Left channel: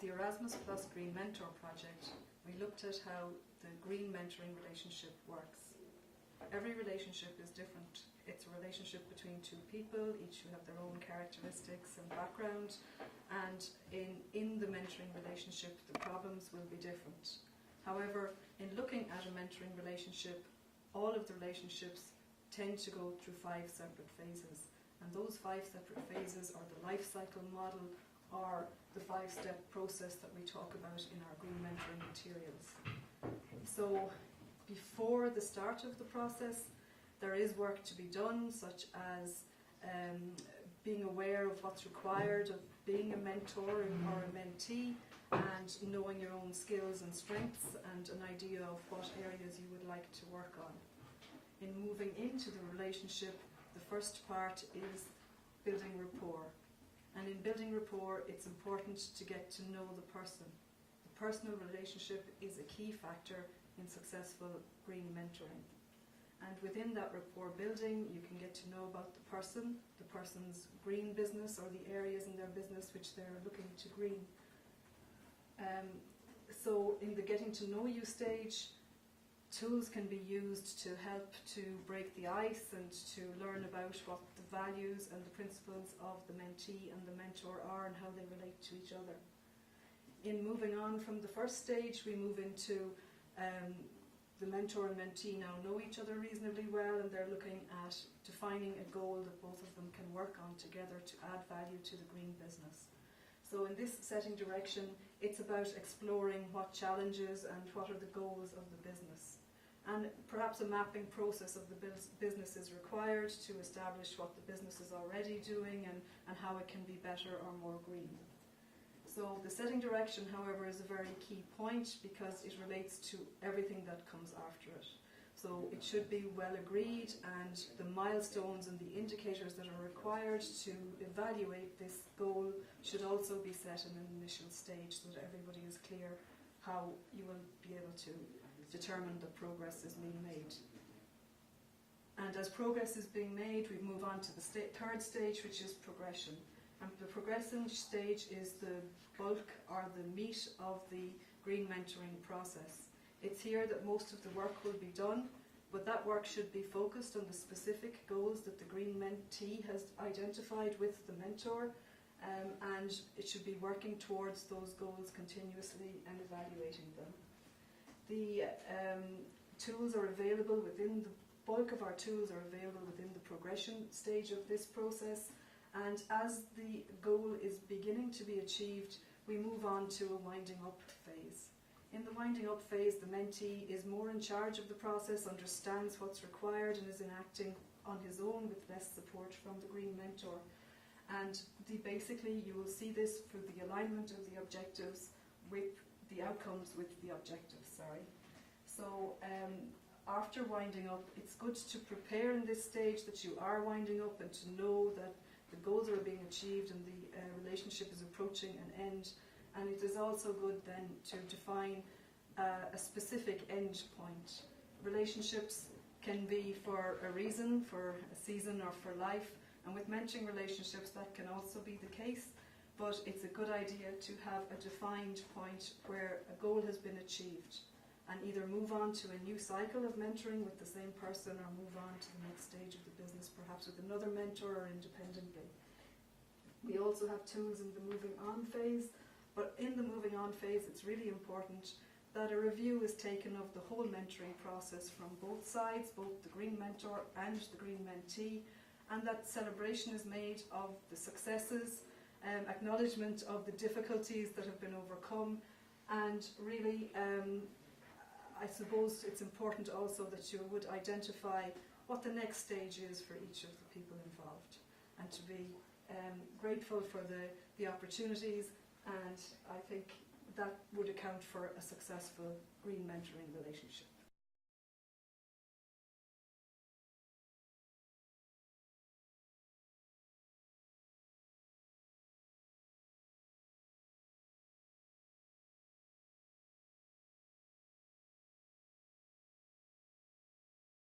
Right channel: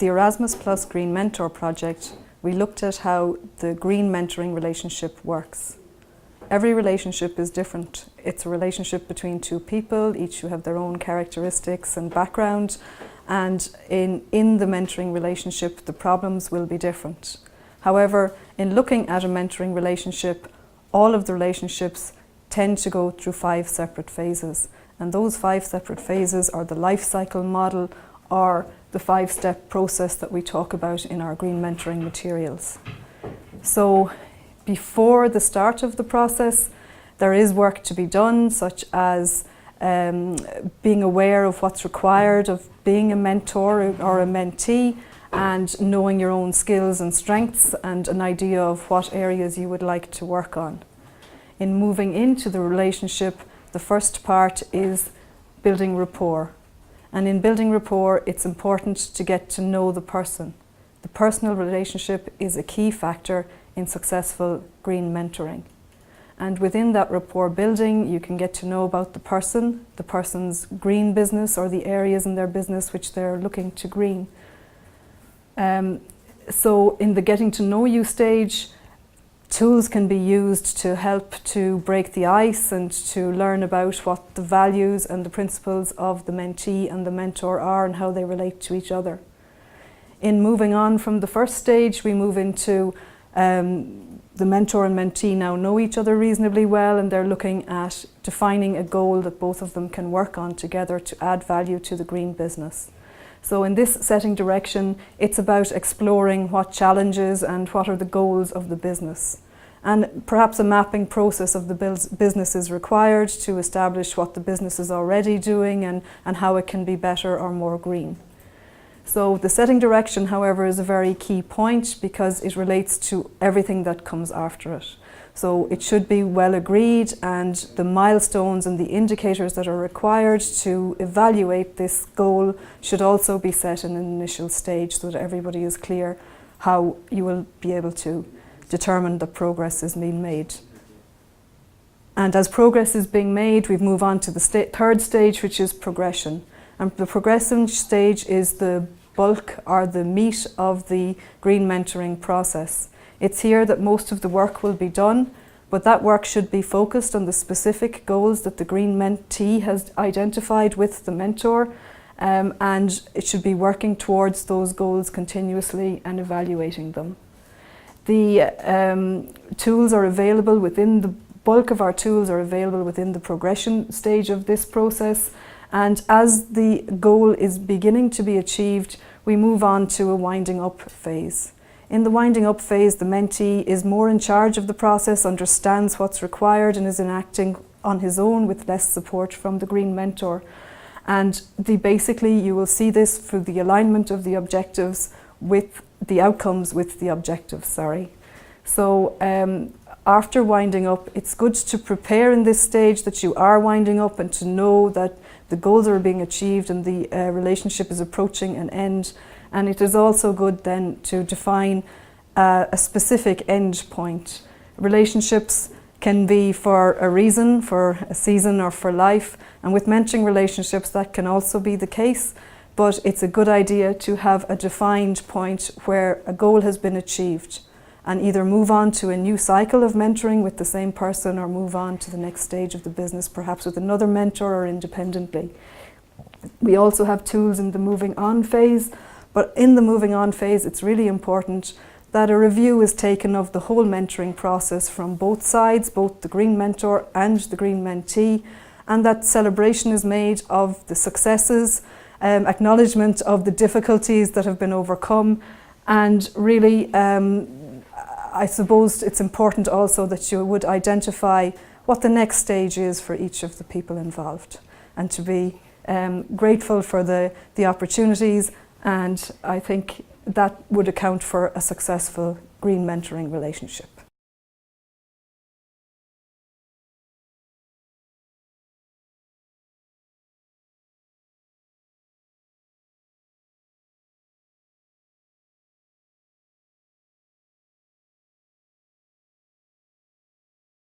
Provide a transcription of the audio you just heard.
the Erasmus Plus Green Mentor project, we looked at how the green mentoring relationship works. Every relationship is different. It's a relationship between two people, each who have their own characteristics and background, and in the mentoring relationship, the problems will be different. However, in looking at a mentoring relationship, all of the relationships tend to go through 5 separate phases. And those 5 separate phases are the life cycle model, or the 5-step process that we talk about in our green mentoring materials. So before the start of the process, there is work to be done, such as being aware of what's required of being a mentor or a mentee, and knowing your own skills and strengths and an idea of what areas you would like to work on. In moving into the relationship, the first part is building rapport. And in building rapport, it's important to get to know the person. The personal relationship is a key factor in successful green mentoring. And within that rapport building, you can get to know about the person's green business, or the areas in their business which they're looking to green. So in the getting to know you stage, tools can be used to help to break the ice and to learn about what the values and the principles of the mentee and the mentor are and how they relate to each other. In moving on from the first stage, we move into the mentor and mentee now know each other reasonably well, and they're looking at defining a goal that both of them can work on together to add value to the green business. So in this setting direction, it's about exploring what challenges and what are the goals of the business. And perhaps a mapping process of the business is required to establish what the business is already doing and how it can be better or more green. So the setting direction, however, is a very key point because it relates to everything that comes after it. So it should be well agreed, and the milestones and the indicators that are required to evaluate this goal should also be set in an initial stage so that everybody is clear how you will be able to determine that progress is being made. And as progress is being made, we move on to the third stage, which is progression. And the progression stage is the bulk or the meat of the green mentoring process. It's here that most of the work will be done, but that work should be focused on the specific goals that the green mentee has identified with the mentor, and it should be working towards those goals continuously and evaluating them. The tools are available within the bulk of our tools are available within the progression stage of this process, and as the goal is beginning to be achieved, we move on to a winding up phase. In the winding up phase, the mentee is more in charge of the process, understands what's required, and is enacting on his own with less support from the green mentor. And basically you will see this through the alignment of the objectives with the outcomes with the objectives, So after winding up, it's good to prepare in this stage that you are winding up and to know that the goals are being achieved and the relationship is approaching an end. And it is also good then to define a specific end point. Relationships can be for a reason, for a season, or for life. And with mentoring relationships, that can also be the case. But it's a good idea to have a defined point where a goal has been achieved, and either move on to a new cycle of mentoring with the same person, or move on to the next stage of the business, perhaps with another mentor or independently. We also have tools in the moving on phase, but in the moving on phase, it's really important that a review is taken of the whole mentoring process from both sides, both the green mentor and the green mentee, and that celebration is made of the successes, acknowledgement of the difficulties that have been overcome, and really I suppose it's important also that you would identify what the next stage is for each of the people involved, and to be grateful for the opportunities, and I think that would account for a successful green mentoring relationship.